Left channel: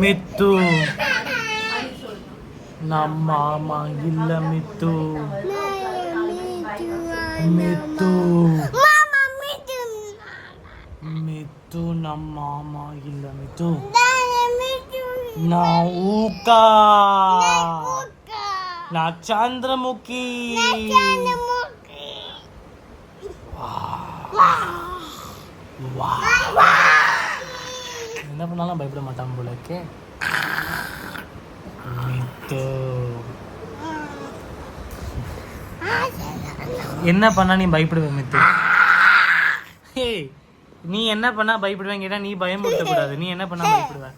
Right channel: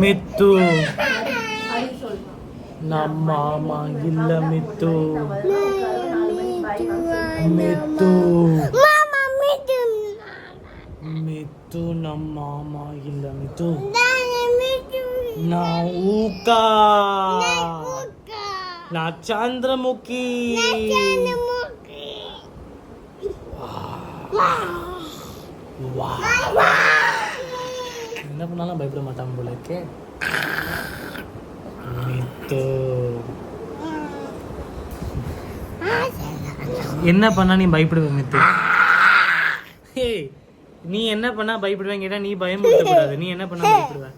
மித்து நம்ம மாமா இல்ல மித்து மித்து மித்து நம்ம மாமா இல்ல மித்து நான் ஊக்கா நான் சந்திரமுகி என்ன பண்ணாலும் பயப்பட மாட்டான் போல இருக்கே. மித்து என்ன பண்ணா நீ பயப்படுவ மித்து? நீ என்ன பண்ணா பயப்படுவேன் கேட்டா நீ பயமுறுத்த கூடாது. நீ என்ன பண்ணா பயப்படுவ?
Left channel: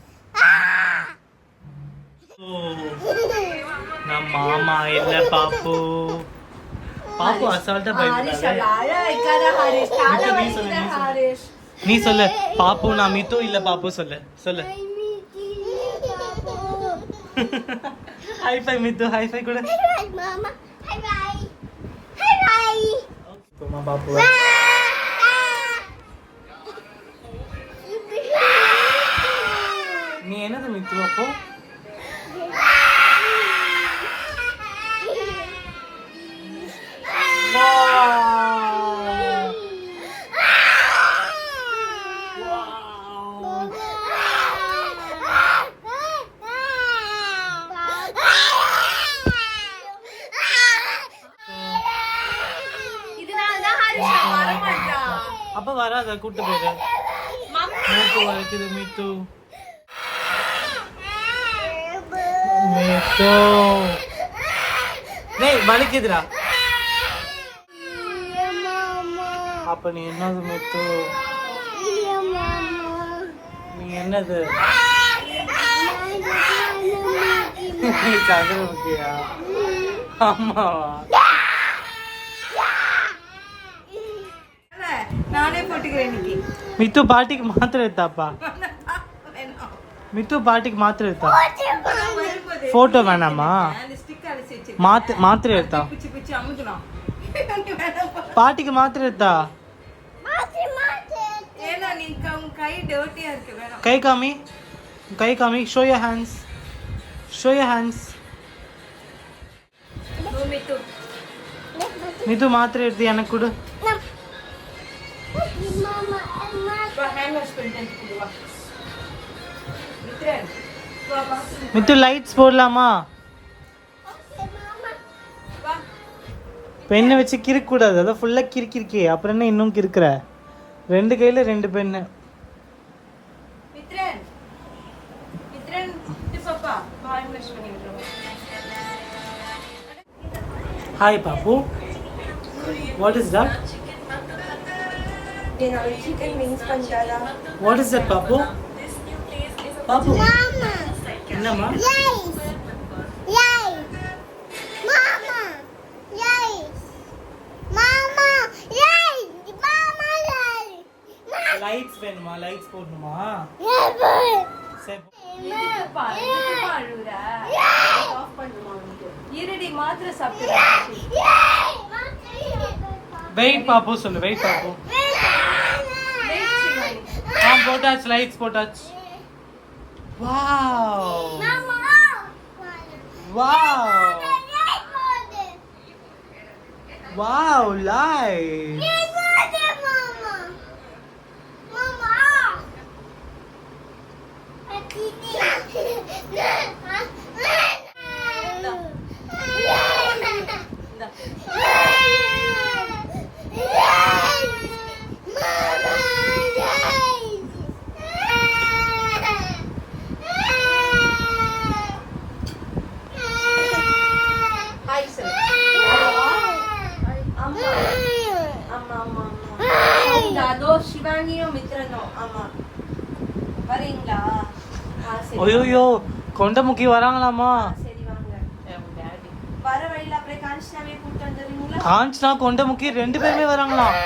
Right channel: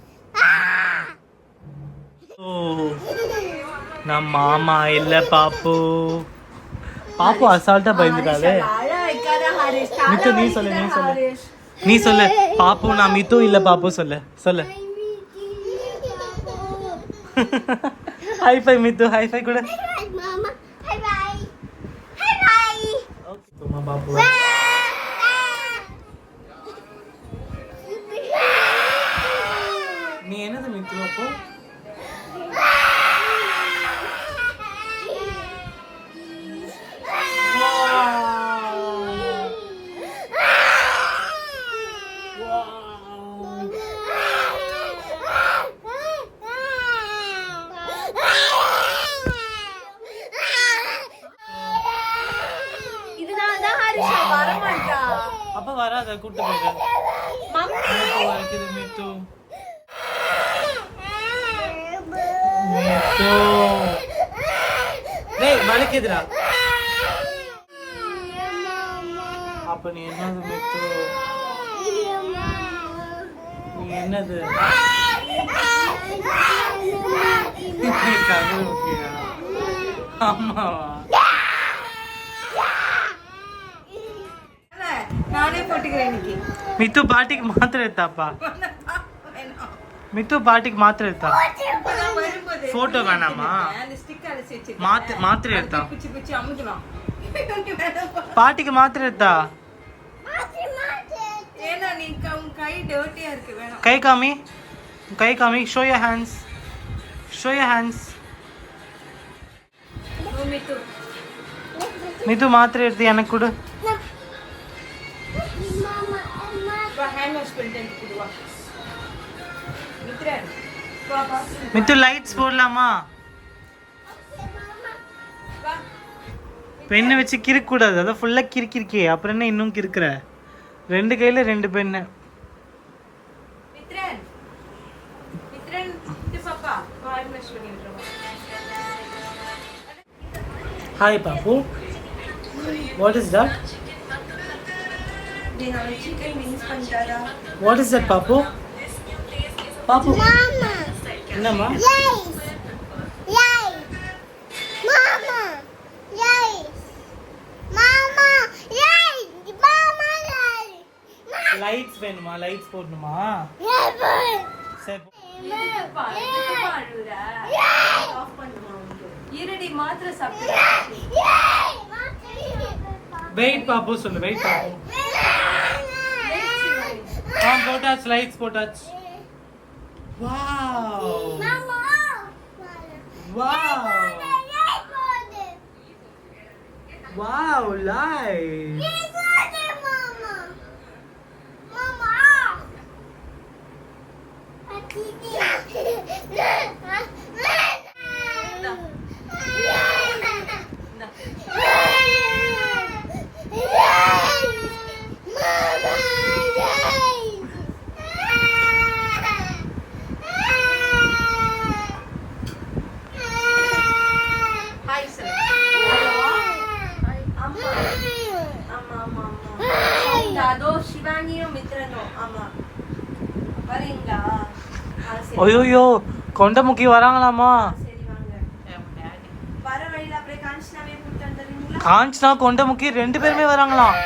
நான் மாமா இல்ல பாப்பு. பாப்பு அசால்ட்டா பயந்துட்டாலே. மித்து நீ சொல்லு நீ சொல்லு பாப்பு நான் மித்து இல்ல பாப்பு சொல்லு சொல்லு. ஹைஃபை மித்து ஹைஃபை கூட. மாமா ஹை பை. ஓகே மாமா பாப்பு. நீ என்னது மித்து அப்போ? அப்ப வராத கூட்டு போயிரு. மூட்டு வலிக்குது மித்து. மித்து டேய் வலிக்குதுடா. அப்ப நீ என்னது மித்து? நீ என்னது? நீ சந்திரமுகியா? ஆமாவா? நானே போட்டுக்கிறேன் இன்னைக்கு. மித்து பாட்டிக்கு மாத்திரை எடுத்தாப்பா. மித்து பாட்டிக்கு மாத்திரை எடுத்தா. போட்டோ வேணாமா? மாத்திரை எடுத்தா. பாட்டிக்கு மாத்திரை எடுத்தா. கை காமி கை காமி. Show your hands show your hands. மித்து மாத்திரை எடுத்து எனக்கு கொடு. மித்து லைட்ஸ் போடலாமா? பெண்ணை வச்சு கிறுக்க கூடாது. அதான் ஃபுல்லா கிறுக்கிருக்கே. அப்புறம் என்ன இன்னும் கிறுக்குற? ரெண்டு கையில ரெண்டு பெண்ணு. Hi Pappu. What is that? What is that, Papu? Papu. Mama. என்னம்மா? Yes. Yes. Mama. Yes. Mama. Yes. Mama. Yes. Lights வேணுமா? Lights போடணுமா? சரி. ஆஃப் பண்ணுமா? இருடி மாத்திரை சாப்பிடு. வெயிட் பாப்பு சொல்லு. வெயிட் பாப்பு. போட்டாச்சு லைட்ஸ் போட்டாச்சு. Wow wow wow light. ஐயோ கொண்டமுக்கி வராங்களாமா? காஞ்சனா கொண்டமுக்கி ரெண்டு பேருமே வராங்களாம்.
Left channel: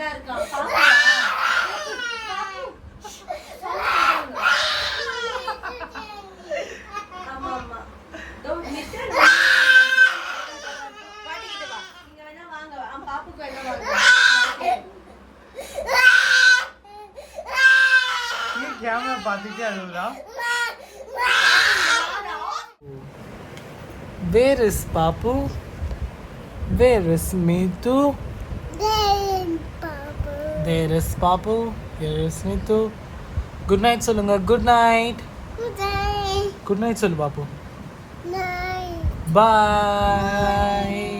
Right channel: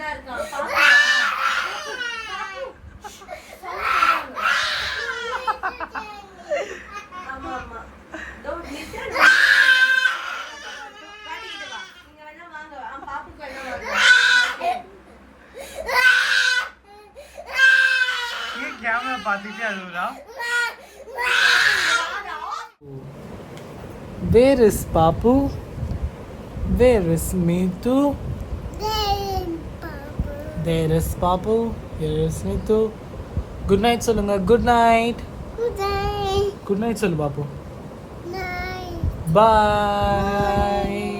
தான் இருக்கான். பாப்பா. ஆமா ஆமா. இதோ நிறுத்து. பாட்டிக்கிட்ட வா. நீங்க வேணா வாங்க. பாப்புக்கு வேணா வாங்க. ये कैमरा பார்த்துட்டே அழுவுறா. Where is Papu? Where is Mitu? There is Papu. Here is Mitu. Good night சொல்லுங்க. Good night. Good night சொல்லு பாப்பு. Bye.